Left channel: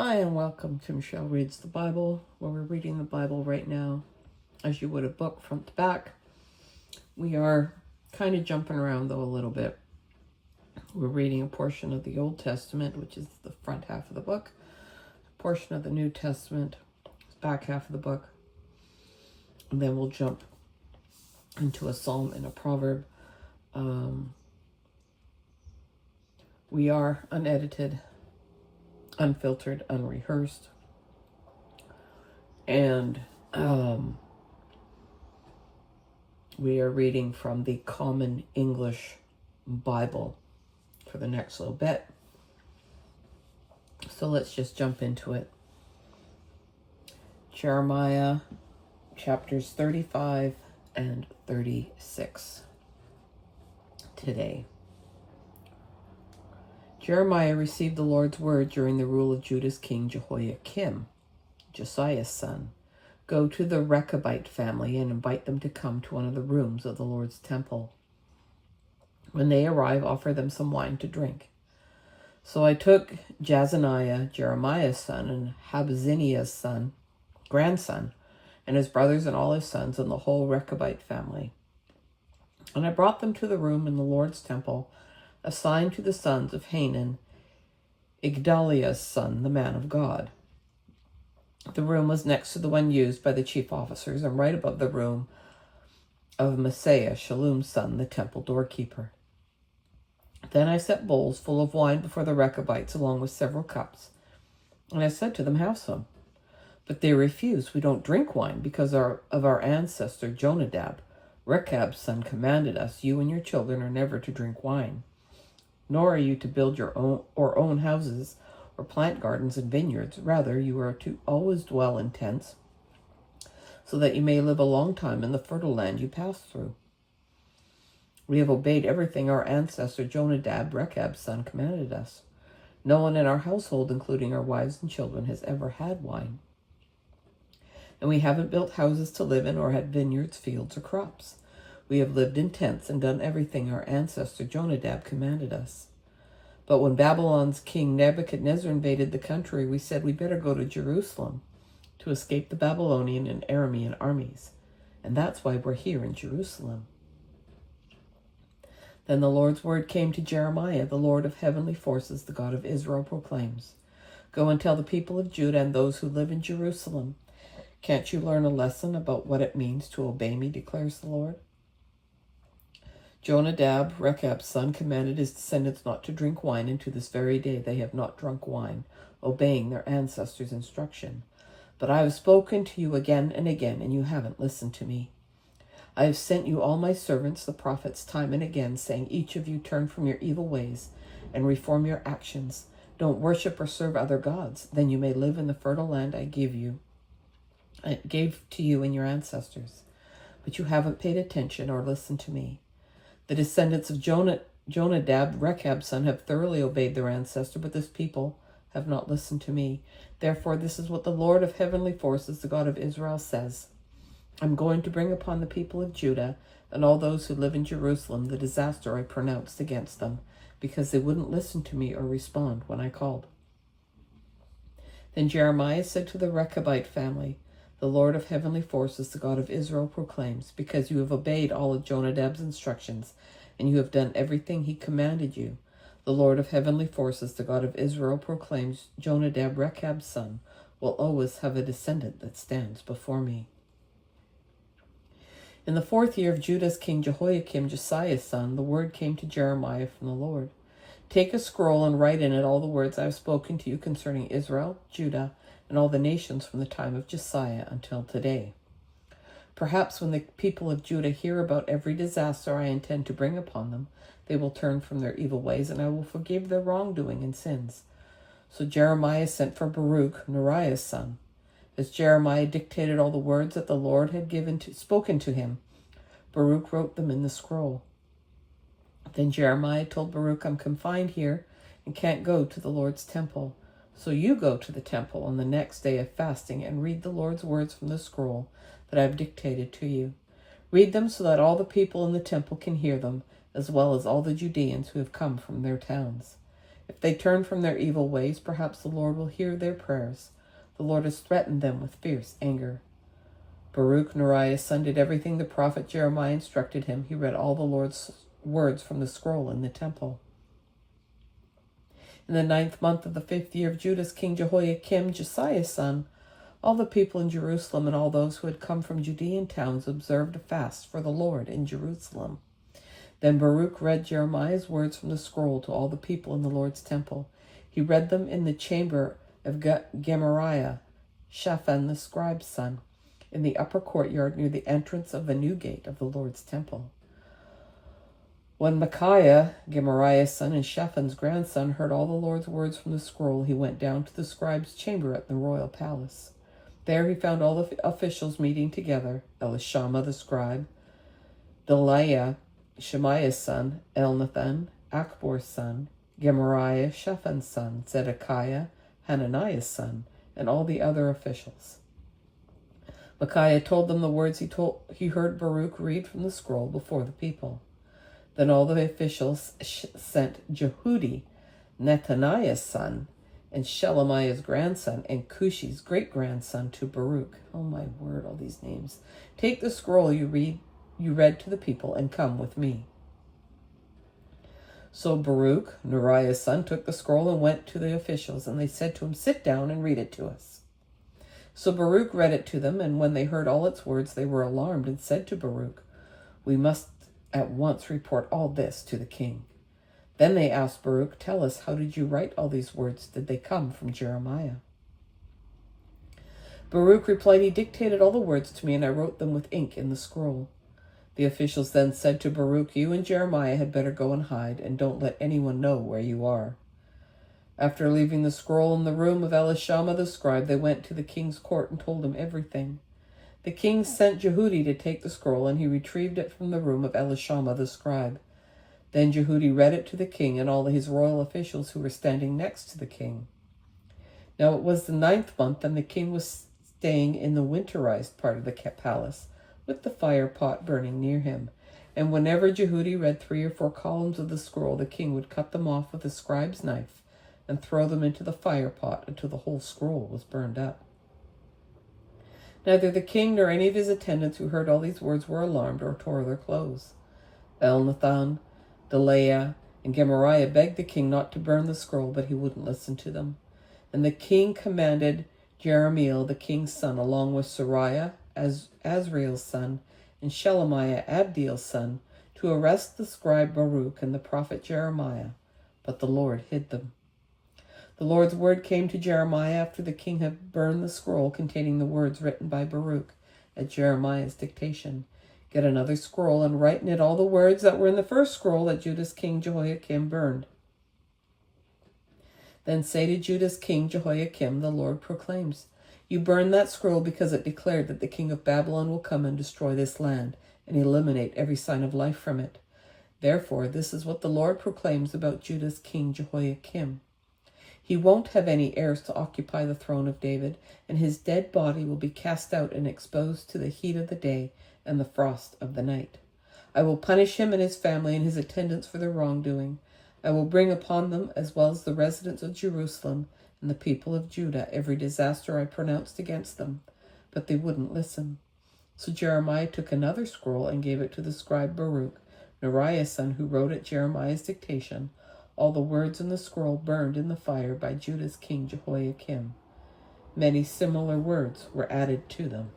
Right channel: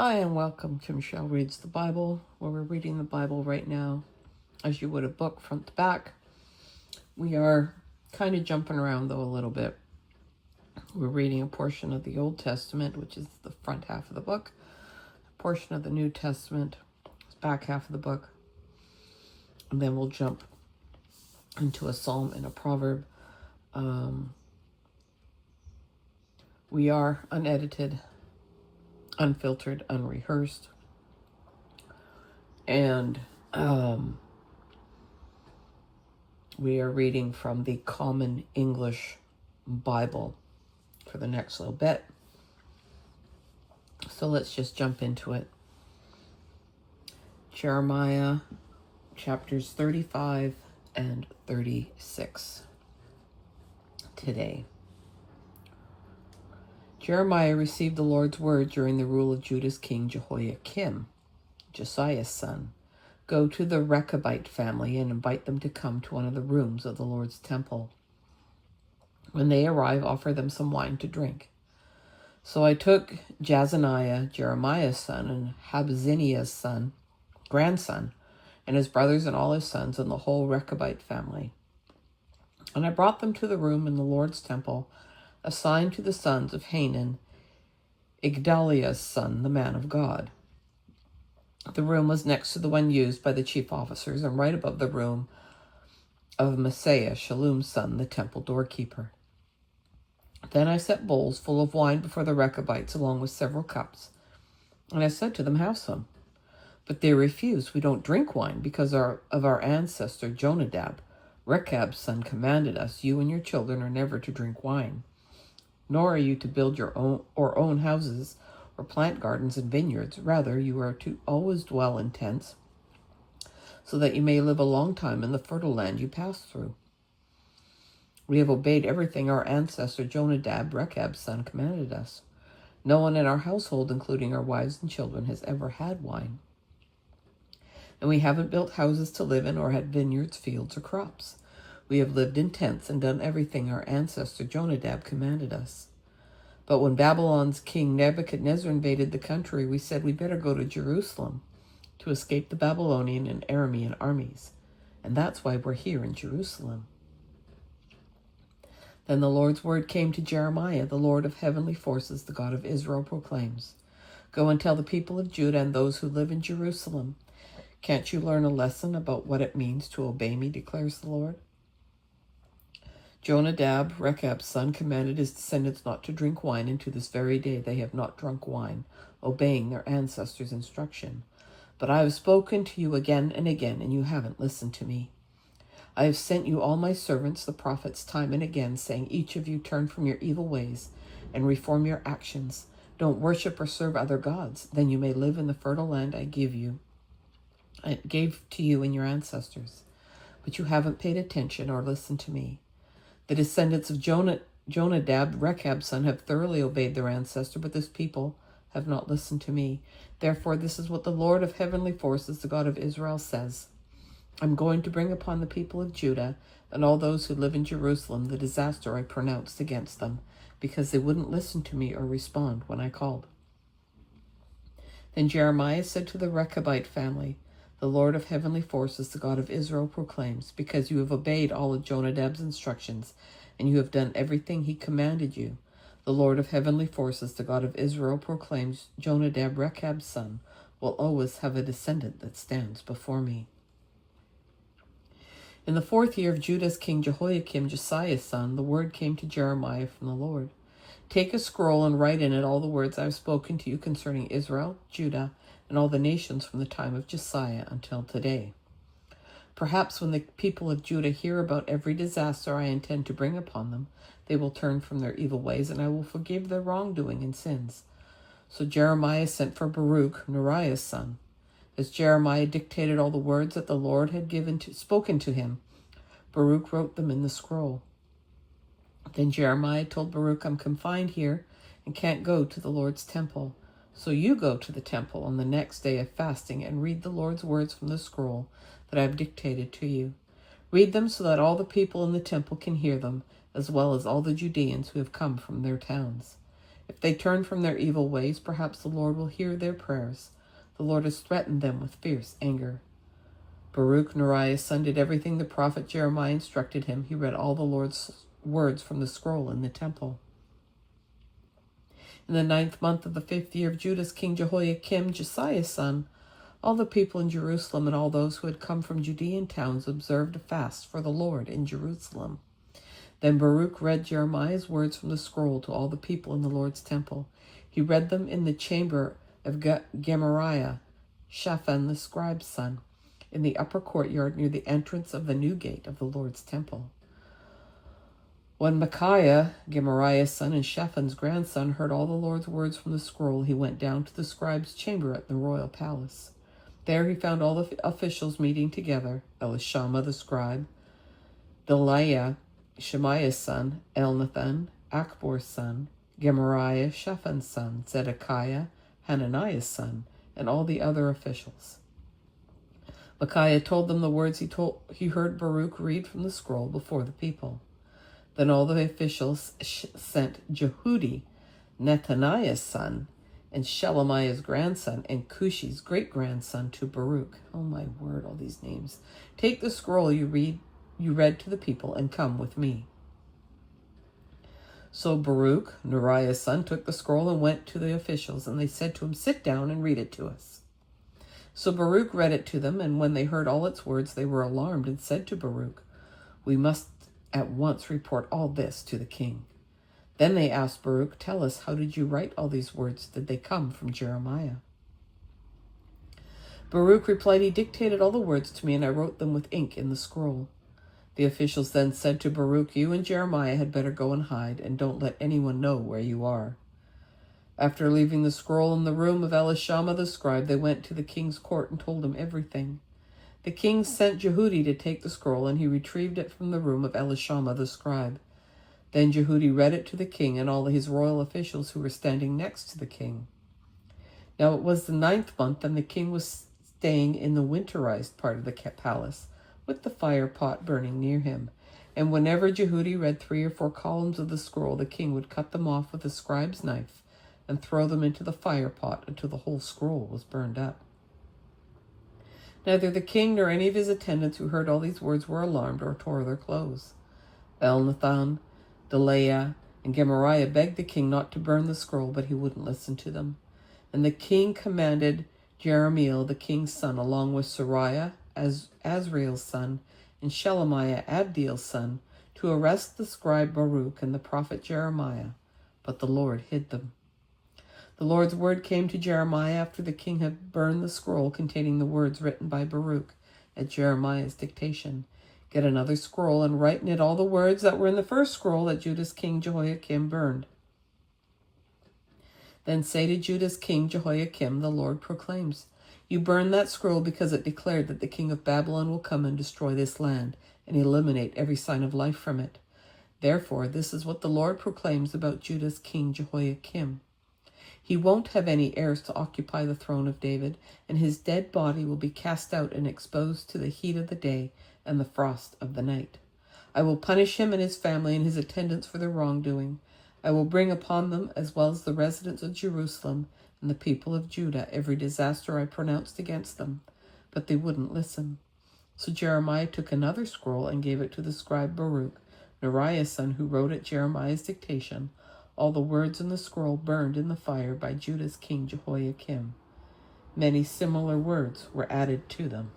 Hi, and welcome to Michelle Reads the Bible, where we're reading the Bible right now as you would a book front to back. We are kind of jumping around, though, a little bit. We're reading a portion of the Old Testament, which is the front half of the book. A portion of the New Testament is back half of the book. And then we'll jump into a psalm and a proverb. We are unedited, unfiltered, unrehearsed, and we are reading from the Common English Bible for the next little bit. So let's just jump into it. Jeremiah chapters 35 and 36 today. Jeremiah received the Lord's word during the rule of Judah's king Jehoiakim, Josiah's son. Go to the Rechabite family and invite them to come to one of the rooms of the Lord's temple. When they arrive, offer them some wine to drink. So I took Jazaniah, Jeremiah's son, and Habaziniah's grandson, and his brothers and all his sons, and the whole Rechabite family. And I brought them to the room in the Lord's temple, assigned to the sons of Hanan, Igdaliah's son, the man of God. The room was next to the one used by the chief officers, and right above the room of Messiah, Shallum's son, the temple doorkeeper. Then I set bowls full of wine before the Rechabites, along with several cups. And I said to them, have some. But they refused. We don't drink wine because of our ancestor Jonadab. Rechab's son commanded us, you and your children are never to drink wine. Nor are you to build your own houses or plant gardens and vineyards. Rather, you are to always dwell in tents, so that you may live a long time in the fertile land you pass through. We have obeyed everything our ancestor Jonadab, Rechab's son, commanded us. No one in our household, including our wives and children, has ever had wine. And we haven't built houses to live in or had vineyards, fields, or crops. We have lived in tents and done everything our ancestor Jonadab commanded us. But when Babylon's king Nebuchadnezzar invaded the country, we said we better go to Jerusalem to escape the Babylonian and Aramean armies. And that's why we're here in Jerusalem. Then the Lord's word came to Jeremiah, the Lord of heavenly forces, the God of Israel, proclaims, go and tell the people of Judah and those who live in Jerusalem, can't you learn a lesson about what it means to obey me, declares the Lord? Jonadab, Rechab's son, commanded his descendants not to drink wine, and to this very day they have not drunk wine, obeying their ancestors' instruction. But I have spoken to you again and again, and you haven't listened to me. I have sent you all my servants, the prophets, time and again, saying, each of you turn from your evil ways and reform your actions. Don't worship or serve other gods. Then you may live in the fertile land I gave to you and your ancestors. But you haven't paid attention or listened to me. The descendants of Jonadab, Rechab's son, have thoroughly obeyed their ancestor, but this people have not listened to me. Therefore, this is what the Lord of heavenly forces, the God of Israel, says. I'm going to bring upon the people of Judah and all those who live in Jerusalem the disaster I pronounced against them, because they wouldn't listen to me or respond when I called. Then Jeremiah said to the Rechabite family, the Lord of heavenly forces, the God of Israel, proclaims, because you have obeyed all of Jonadab's instructions, and you have done everything he commanded you, the Lord of heavenly forces, the God of Israel, proclaims, Jonadab, Rechab's son, will always have a descendant that stands before me. In the 4th year of Judah's king Jehoiakim, Josiah's son, the word came to Jeremiah from the Lord. Take a scroll and write in it all the words I have spoken to you concerning Israel, Judah, and all the nations from the time of Josiah until today. Perhaps when the people of Judah hear about every disaster I intend to bring upon them, they will turn from their evil ways, and I will forgive their wrongdoing and sins. So Jeremiah sent for Baruch, Neriah's son. As Jeremiah dictated all the words that the Lord had spoken to him, Baruch wrote them in the scroll. Then Jeremiah told Baruch, I'm confined here and can't go to the Lord's temple. So you go to the temple on the next day of fasting and read the Lord's words from the scroll that I have dictated to you. Read them so that all the people in the temple can hear them, as well as all the Judeans who have come from their towns. If they turn from their evil ways, perhaps the Lord will hear their prayers. The Lord has threatened them with fierce anger. Baruch, Neriah's son, did everything the prophet Jeremiah instructed him. He read all the Lord's words from the scroll in the temple. In the 9th month of the 5th year of Judah's king Jehoiakim, Josiah's son, all the people in Jerusalem and all those who had come from Judean towns observed a fast for the Lord in Jerusalem. Then Baruch read Jeremiah's words from the scroll to all the people in the Lord's temple. He read them in the chamber of Gemariah, Shaphan the scribe's son, in the upper courtyard near the entrance of the new gate of the Lord's temple. When Micaiah, Gemariah's son and Shaphan's grandson, heard all the Lord's words from the scroll, he went down to the scribe's chamber at the royal palace. There he found all the officials meeting together: Elishama the scribe, Delaiah, Shemaiah's son, Elnathan, Akbor's son, Gemariah, Shaphan's son, Zedekiah, Hananiah's son, and all the other officials. Micaiah told them the words he heard Baruch read from the scroll before the people. Then all the officials sent Jehudi, Netaniah's son, and Shelemiah's grandson, and Cushi's great-grandson to Baruch. Oh my word, all these names. Take the scroll you read to the people and come with me. So Baruch, Neriah's son, took the scroll and went to the officials, and they said to him, "Sit down and read it to us." So Baruch read it to them, and when they heard all its words, they were alarmed and said to Baruch, "We must at once report all this to the king." Then they asked Baruch, "Tell us, how did you write all these words? Did they come from Jeremiah?" Baruch replied, "He dictated all the words to me, and I wrote them with ink in the scroll." The officials then said to Baruch, "You and Jeremiah had better go and hide, and don't let anyone know where you are." After leaving the scroll in the room of Elishama the scribe, they went to the king's court and told him everything. The king sent Jehudi to take the scroll, and he retrieved it from the room of Elishama the scribe. Then Jehudi read it to the king and all his royal officials who were standing next to the king. Now it was the 9th month, and the king was staying in the winterized part of the palace, with the fire pot burning near him. And whenever Jehudi read 3 or 4 columns of the scroll, the king would cut them off with a scribe's knife and throw them into the fire pot until the whole scroll was burned up. Neither the king nor any of his attendants who heard all these words were alarmed or tore their clothes. Elnathan, Delaiah, and Gemariah begged the king not to burn the scroll, but he wouldn't listen to them. And the king commanded Jeremiel, the king's son, along with Sariah, Azriel's son, and Shelemiah, Abdiel's son, to arrest the scribe Baruch and the prophet Jeremiah, but the Lord hid them. The Lord's word came to Jeremiah after the king had burned the scroll containing the words written by Baruch at Jeremiah's dictation. Get another scroll and write in it all the words that were in the first scroll that Judah's king Jehoiakim burned. Then say to Judah's king Jehoiakim, the Lord proclaims, you burned that scroll because it declared that the king of Babylon will come and destroy this land and eliminate every sign of life from it. Therefore, this is what the Lord proclaims about Judah's king Jehoiakim. He won't have any heirs to occupy the throne of David, and his dead body will be cast out and exposed to the heat of the day and the frost of the night. I will punish him and his family and his attendants for their wrongdoing. I will bring upon them, as well as the residents of Jerusalem and the people of Judah, every disaster I pronounced against them. But they wouldn't listen. So Jeremiah took another scroll and gave it to the scribe Baruch, Neriah's son, who wrote at Jeremiah's dictation. All the words in the scroll burned in the fire by Judah's king Jehoiakim. Many similar words were added to them.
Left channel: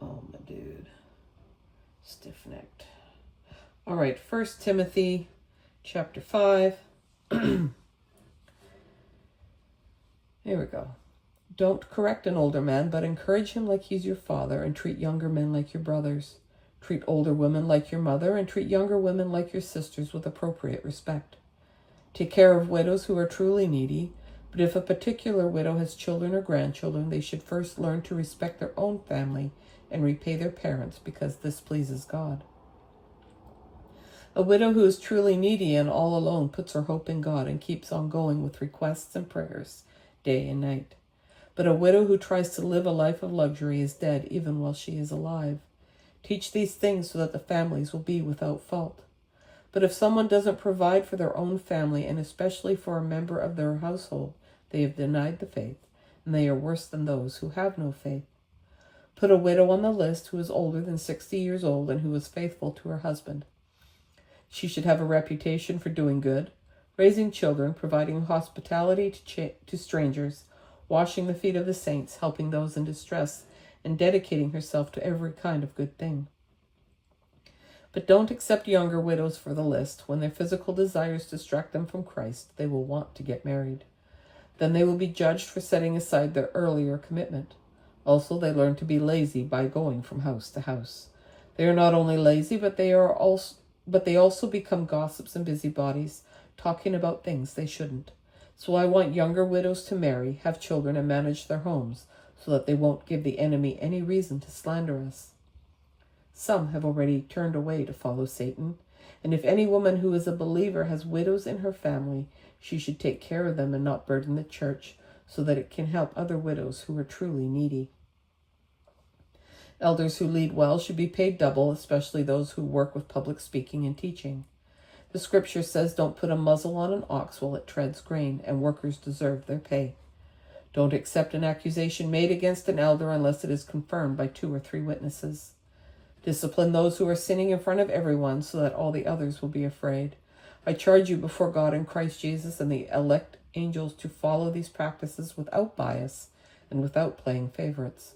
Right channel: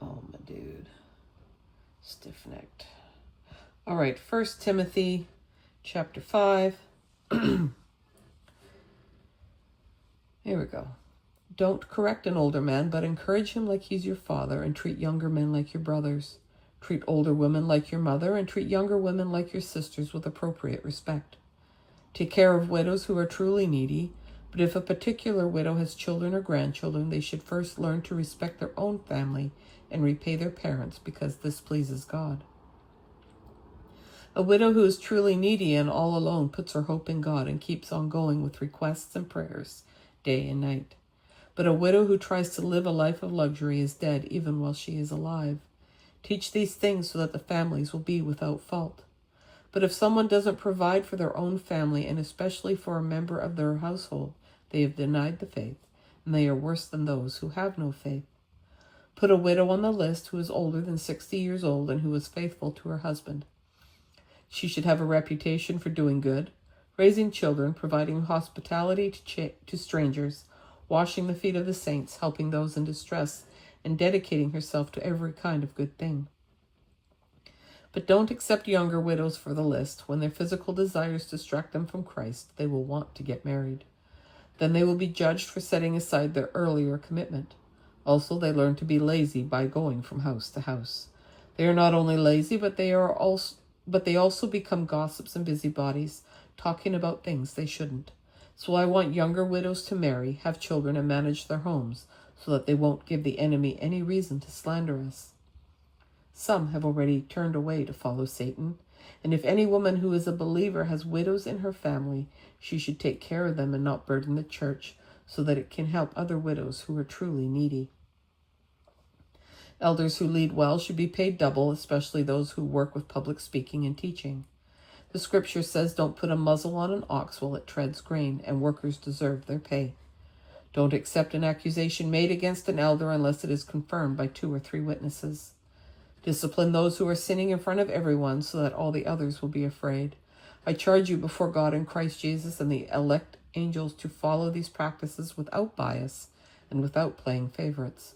Oh, my dude. Stiff-necked. All right, 1 Timothy chapter 5. Here we go. Don't correct an older man, but encourage him like he's your father, and treat younger men like your brothers. Treat older women like your mother, and treat younger women like your sisters with appropriate respect. Take care of widows who are truly needy, but if a particular widow has children or grandchildren, they should first learn to respect their own family and repay their parents, because this pleases God. A widow who is truly needy and all alone puts her hope in God and keeps on going with requests and prayers day and night. But a widow who tries to live a life of luxury is dead even while she is alive. Teach these things so that the families will be without fault. But if someone doesn't provide for their own family, and especially for a member of their household, they have denied the faith, and they are worse than those who have no faith. Put a widow on the list who is older than 60 years old and who is faithful to her husband. She should have a reputation for doing good, raising children, providing hospitality to strangers, washing the feet of the saints, helping those in distress, and dedicating herself to every kind of good thing. But don't accept younger widows for the list. When their physical desires distract them from Christ, they will want to get married. Then they will be judged for setting aside their earlier commitment. Also, they learn to be lazy by going from house to house. They are not only lazy, but they also become gossips and busybodies, talking about things they shouldn't. So I want younger widows to marry, have children, and manage their homes, so that they won't give the enemy any reason to slander us. Some have already turned away to follow Satan, and if any woman who is a believer has widows in her family, she should take care of them and not burden the church, so that it can help other widows who are truly needy. Elders who lead well should be paid double, especially those who work with public speaking and teaching. The scripture says, "Don't put a muzzle on an ox while it treads grain," and workers deserve their pay. Don't accept an accusation made against an elder unless it is confirmed by 2 or 3 witnesses. Discipline those who are sinning in front of everyone so that all the others will be afraid. I charge you before God and Christ Jesus and the elect angels to follow these practices without bias and without playing favorites.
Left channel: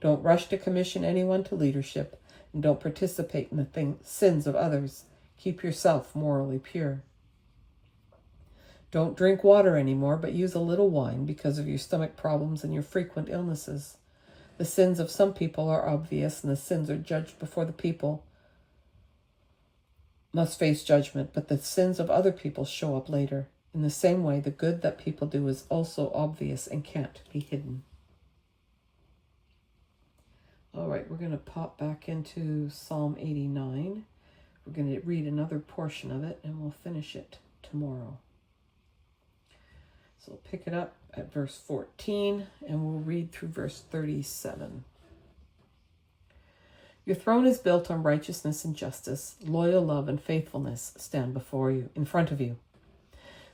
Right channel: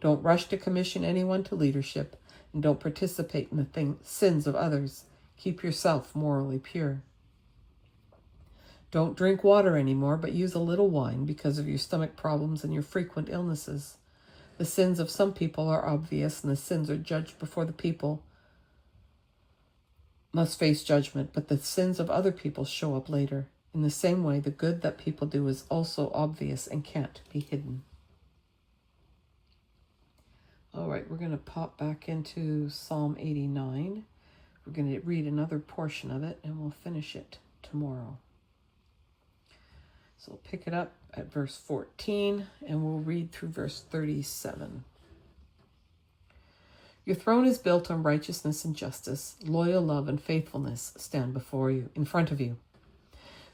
Don't rush to commission anyone to leadership, and don't participate in the sins of others. Keep yourself morally pure. Don't drink water anymore, but use a little wine because of your stomach problems and your frequent illnesses. The sins of some people are obvious, and the sins are judged before the people must face judgment, but the sins of other people show up later. In the same way, the good that people do is also obvious and can't be hidden. All right, we're going to pop back into Psalm 89. We're going to read another portion of it, and we'll finish it tomorrow. So we'll pick it up at verse 14, and we'll read through verse 37. Your throne is built on righteousness and justice. Loyal love and faithfulness stand before you, in front of you.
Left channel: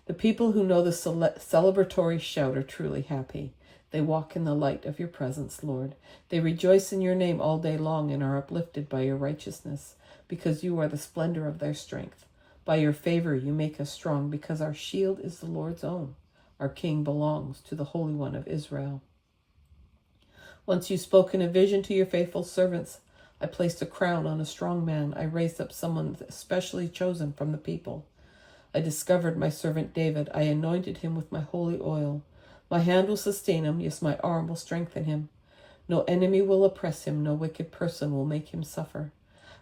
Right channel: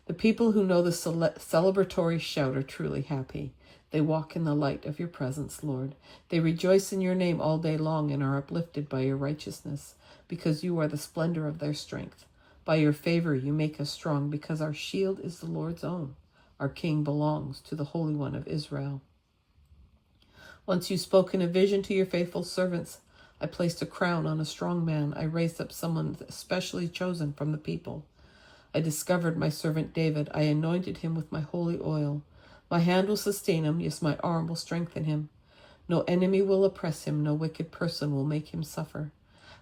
The people who know the celebratory shout are truly happy. They walk in the light of your presence, Lord. They rejoice in your name all day long and are uplifted by your righteousness, because you are the splendor of their strength. By your favor you make us strong, because our shield is the Lord's own. Our King belongs to the Holy One of Israel. Once you spoke in a vision to your faithful servants. I placed a crown on a strong man. I raised up someone especially chosen from the people. I discovered my servant David. I anointed him with my holy oil. My hand will sustain him. Yes, my arm will strengthen him. No enemy will oppress him. No wicked person will make him suffer.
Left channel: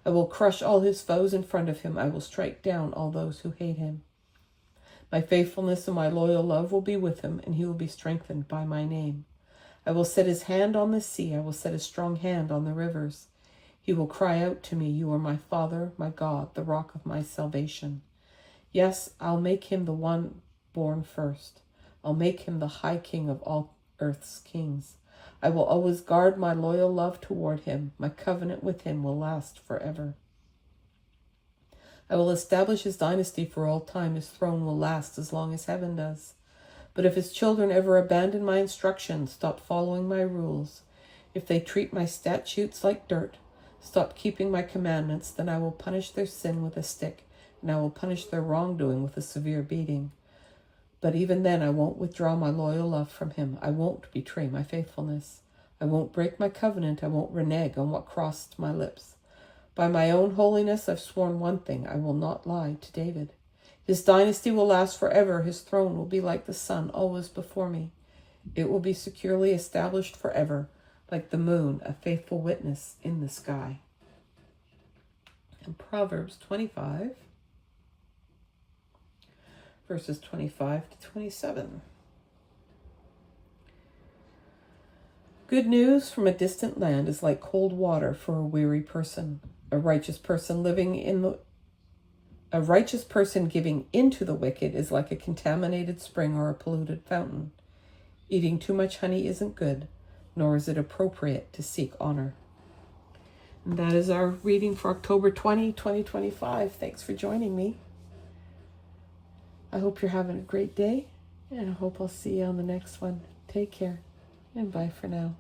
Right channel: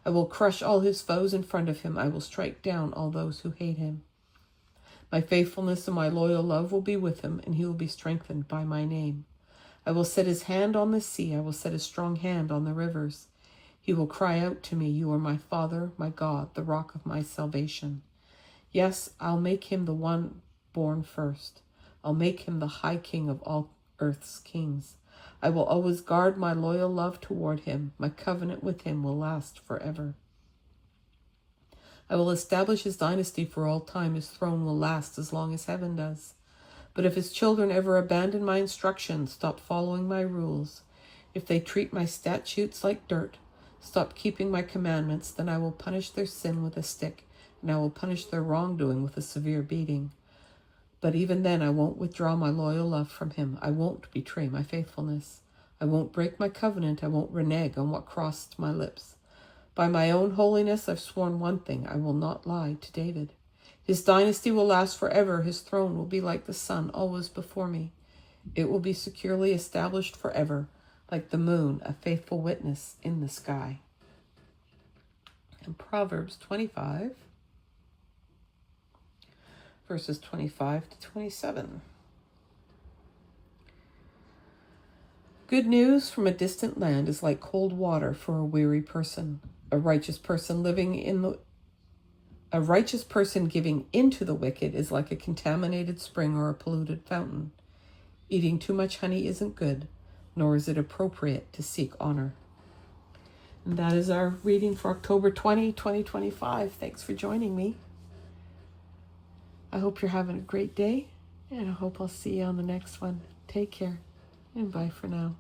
I will crush all his foes in front of him. I will strike down all those who hate him. My faithfulness and my loyal love will be with him, and he will be strengthened by my name. I will set his hand on the sea. I will set his strong hand on the rivers. He will cry out to me, "You are my Father, my God, the rock of my salvation." Yes, I'll make him the one born first. I'll make him the high king of all earth's kings. I will always guard my loyal love toward him. My covenant with him will last forever. I will establish his dynasty for all time. His throne will last as long as heaven does. But if his children ever abandon my instructions, stop following my rules, if they treat my statutes like dirt, stop keeping my commandments, then I will punish their sin with a stick, and I will punish their wrongdoing with a severe beating. But even then I won't withdraw my loyal love from him. I won't betray my faithfulness. I won't break my covenant. I won't renege on what crossed my lips. By my own holiness I've sworn one thing: I will not lie to David. His dynasty will last forever. His throne will be like the sun, always before me. It will be securely established forever, like the moon, a faithful witness in the sky. And Proverbs 25, verses 25 to 27. Good news from a distant land is like cold water for a weary person. A righteous person giving into the wicked is like a contaminated spring or a polluted fountain. Eating too much honey isn't good, nor is it appropriate to seek honor. And that is our reading for October 20, 2025. Thanks for joining me. I hope you're having a great day, and I hope I'll see you on the next one. Take care, and bye for now.